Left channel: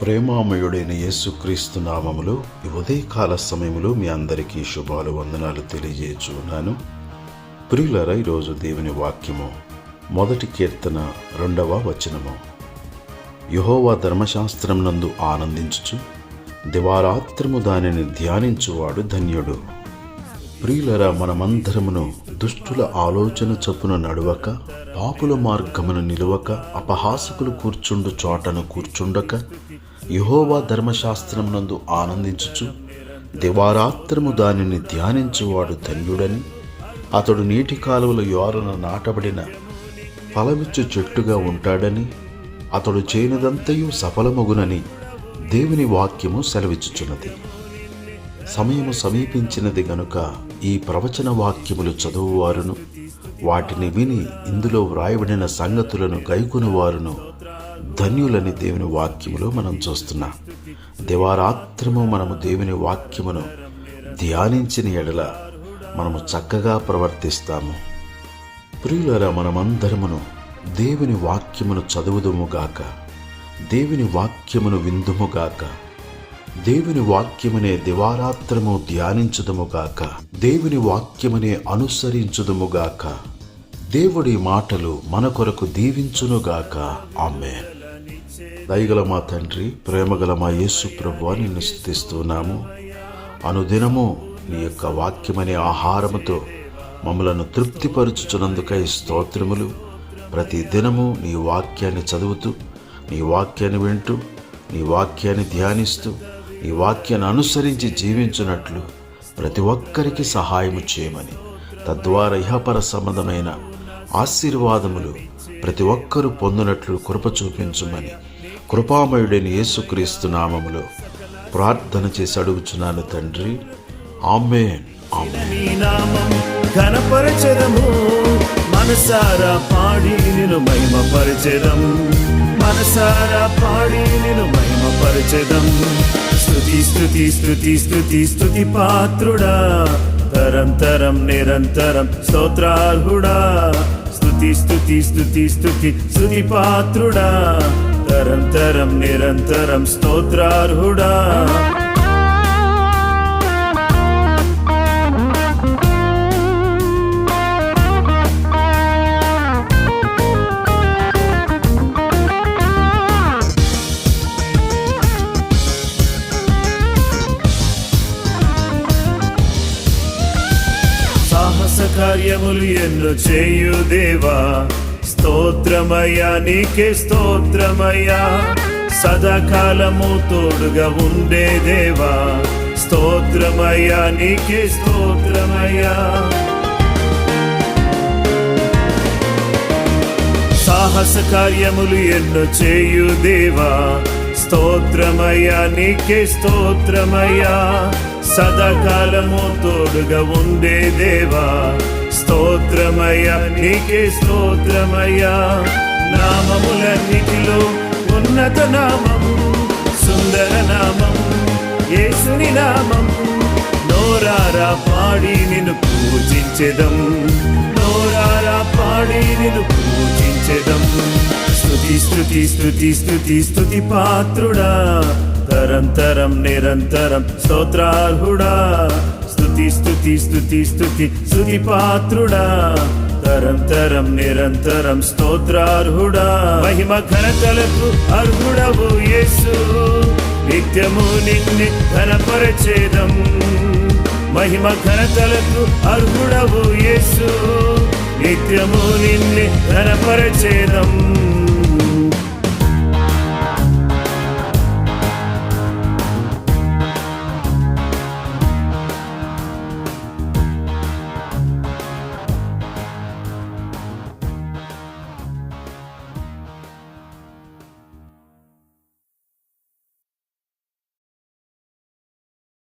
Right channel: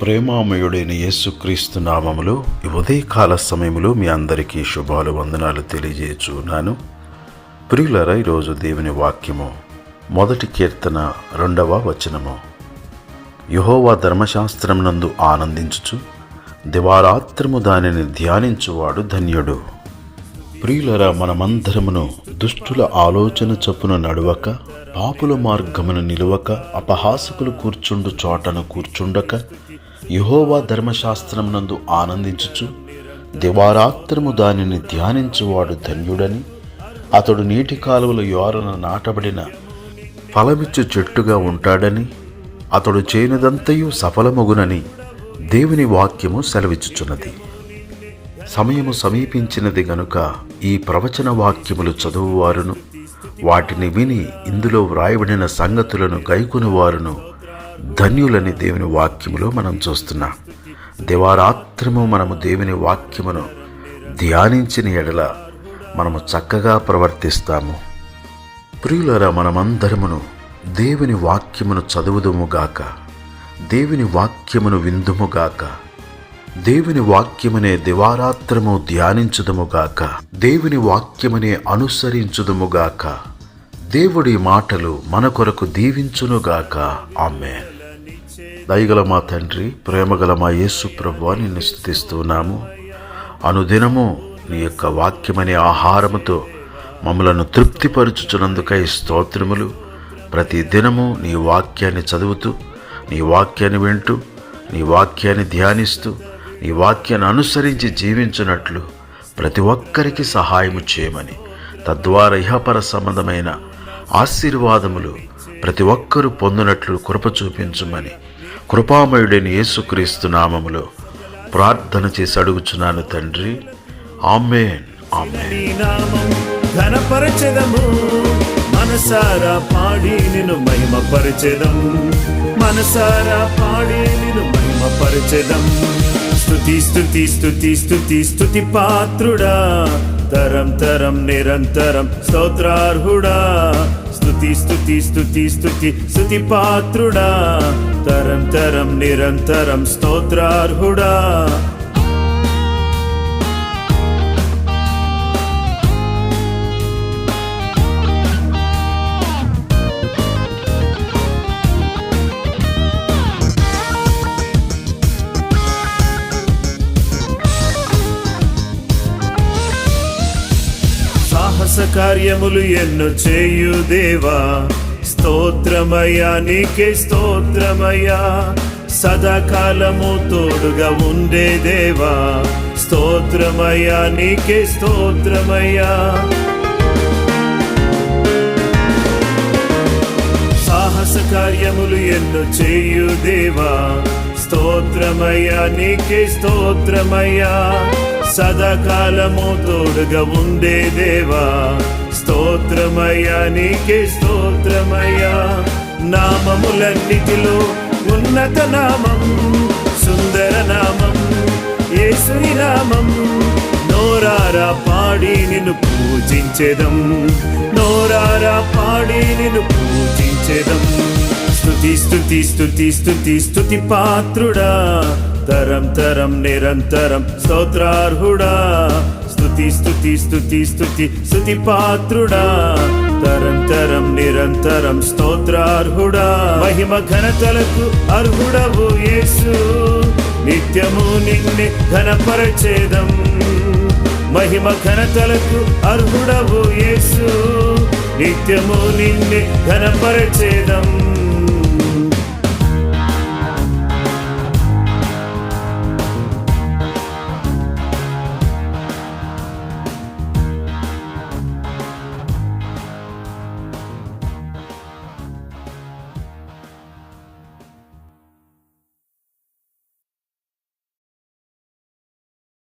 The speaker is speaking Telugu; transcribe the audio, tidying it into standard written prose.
ప్రేమామయుడైన యేసుక్రీస్తు నామములో ఈ ఉదయకాల సమయములో మీ అందరికీ శుభాలు వందనాలు తెలియజేయుచున్నాను. ప్రియులారా, ఈరోజు దేవుని వాక్యము 1 కీర్తన 2వ వచనము. యెహోవా ధర్మశాస్త్రమునందు ఆనందించుచు దివారాత్రము దానిని ధ్యానించువాడు ధన్యుడు. ప్రియులారా, మనమందరమును దుష్టుల ఆలోచన చొప్పున నడవక, పాపుల మార్గమును నిలువక, అపహాసకులు కూర్చుండు చోటను కూర్చుండక, యెహోవా ధర్మశాస్త్రమునందు ఆనందించుచు దివారాత్రము దానిని ధ్యానించువాడు ధన్యుడని, అతడు నీటి కాలువల యోరన నాటబడిన ఫలమిచ్చు చెట్టుగా ఉంటాడని, అతడు చేయనిదంతయు సఫలమగునని దేవుని వాక్యము సెలవిచ్చుచున్నది. సమయము సమీపించినది గనుక ఈ ప్రవచన వాక్యములు చదువువారును, వాటిని విని ఇందులో వ్రాయబడిన సంగతులను గైకొనువారును ధన్యులని దేవుని వాక్యములో మనం చూస్తున్నాం. దివారాత్రము మనము దేవుని వాక్యమును ధ్యానించిన ఎడల మనము చక్కగా ప్రవర్తిస్తాము. ప్రియులారా, మనమందరమును దేవుని వాక్యమును చదువుదుముగాక, దేవుని వాక్యమును విందుముగాక, దేవుని వాక్యమునే దివారాత్రము ధ్యానించుదుముగాక, దేవుని వాక్యమునే అనుసరించుదుముగాక. దేవుడి మాటలు మన కొరకు దీవించునుగాక. ఆమేన్. దయగల మా తండ్రి, ప్రేమగల మా యేసు ప్రభువా, నిన్ను స్తుతిస్తున్నాము. అనుదినము నీ యొక్క వాక్యమనే ఆహారముతో మమ్మలను తృప్తిపరచుచున్నందుకై స్తోత్రములు. ప్రతి దినము నీ వాక్యాన్ని చదువుతూ, నీ వాక్యాన్ని వింటూ, నీ వాక్యాన్ని ధ్యానిస్తూ, నీ వాక్యాన్ని అనుసరించి జీవించున్నట్లు ప్రతి ఒక్కరికి సహాయము చేయమని, తద్వారా ఇహపర సంబంధమైన ఆశీర్వాదములు ప్రతి ఒక్కరూ పొందినట్లు కృప చూపించుమని కృపామయుడైన యేసుక్రీస్తు నామములో ప్రార్థన చేసి అడుగుచున్నాను తండ్రి. ఆమేన్, ఆమేన్. పాత్రుడా, తరం తరం నిరంతరం స్తోత్రార్హుడా, స్తుతి స్తుతి స్తుతి స్తుతి స్తుతి పాత్రుడా, తరం తరం నిరంతరం స్తోత్రార్హుడా. కార్యములు ఎన్ను చేయు దేవా, స్తోత్రమయ్యా, నీకే స్తోత్రమయ్యా. సదాకాలము తోడుగా ఉండే దేవా, స్తోత్రమయ్యా, నీకే స్తోత్రమయ్యా. సాహస కార్యములు ఎన్ను చేయు దేవా, స్తోత్రమయ్యా, నీకే స్తోత్రమయ్యా. సదాకాలము తోడుగా ఉండే దేవా, స్తోత్రమయ్యా, నీకే స్తోత్రమయ్యా. నామములన్నిటిలో ఉన్నత నామము, సుందర నామము, యేసుని నామము. నోరారా పాడి నిన్ను పూజించెదం, నోరారా పాడి నిన్ను పూజించెదం. స్తుతి స్తుతి స్తుతి స్తుతి స్తుతి పాత్రుడా, తరం తరం నిరంతరం స్తోత్రార్హుడా, స్తుతి స్తుతి స్తుతి స్తుతి స్తుతి పాత్రుడా, తరం తరం నిరంతరం స్తోత్రార్హుడా. మహిమ